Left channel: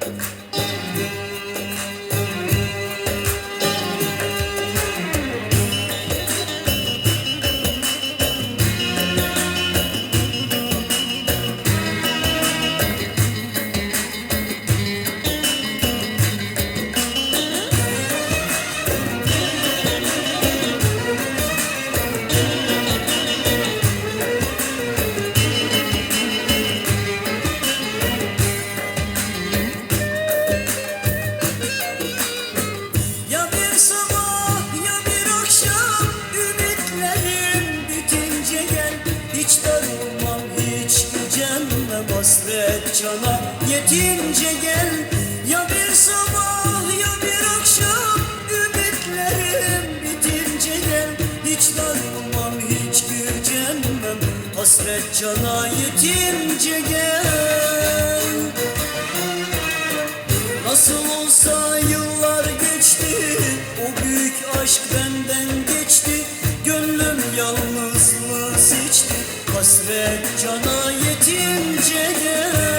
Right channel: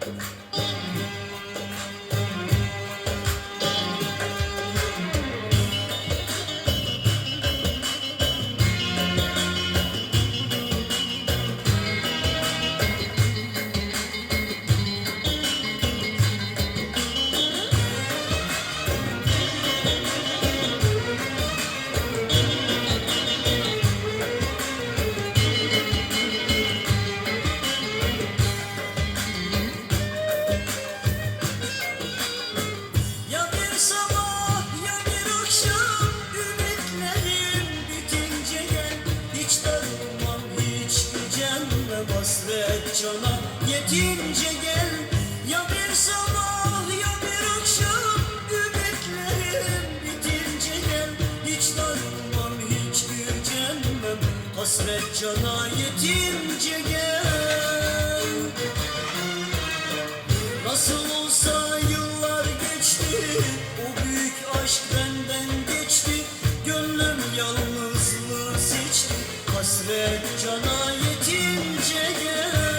Ya cana yetince gel. Ya bir sabah ya bir akşam. Ümitlerim bitince gel. Hiç darılmam hiç gücenmem. Hasret cana yetince gel. Nasıl olsa yıllar geçti O büyük aşk benden geçti. Gönlüm yalnızlığı seçti. Hasret cana yetince gel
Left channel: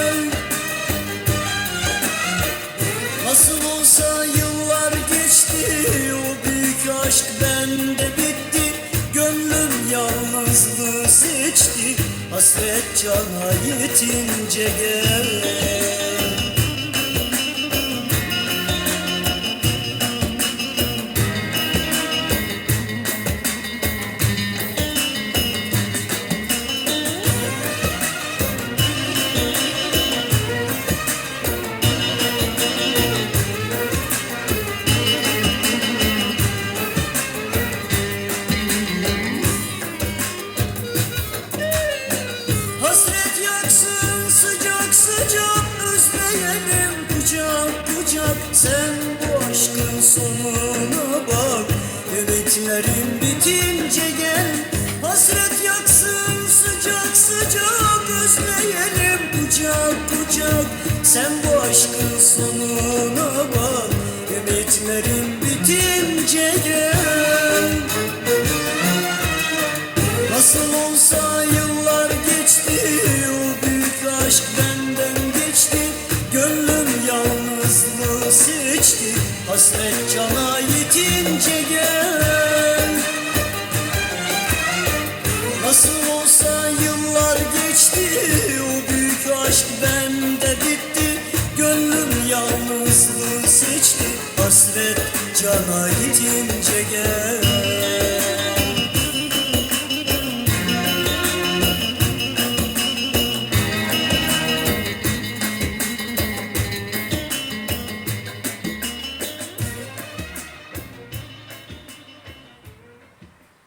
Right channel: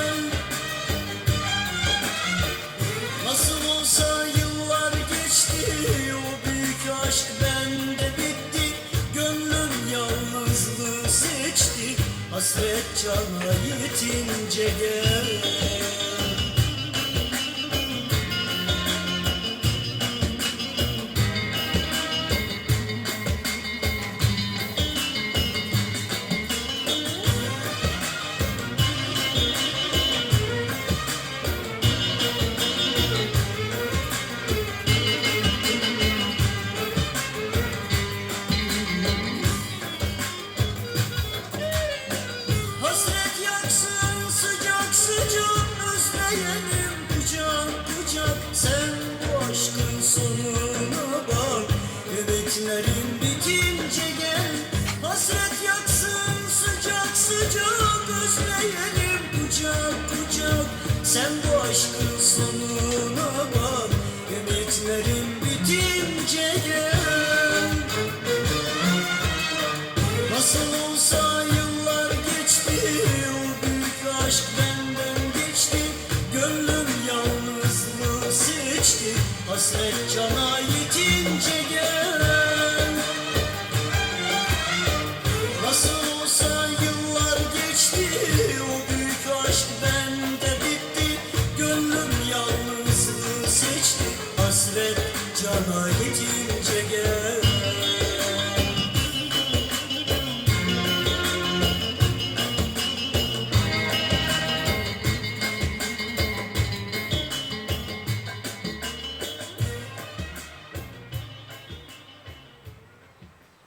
Nasıl olsa yıllar geçti O büyük aşk bende bitti. Gönlüm yalnızlığı seçti Hasret cana yetince gel sonuna bak Ümitlerin bitince gel. Hasret yaksın sıcak sıcak özleyelim. Kucak kucak Sen bu aşkın sonuna bak. Ümitlerin bitince gel. Nasıl olsa yıllar geçti O büyük aşk Hasret cana yetince gel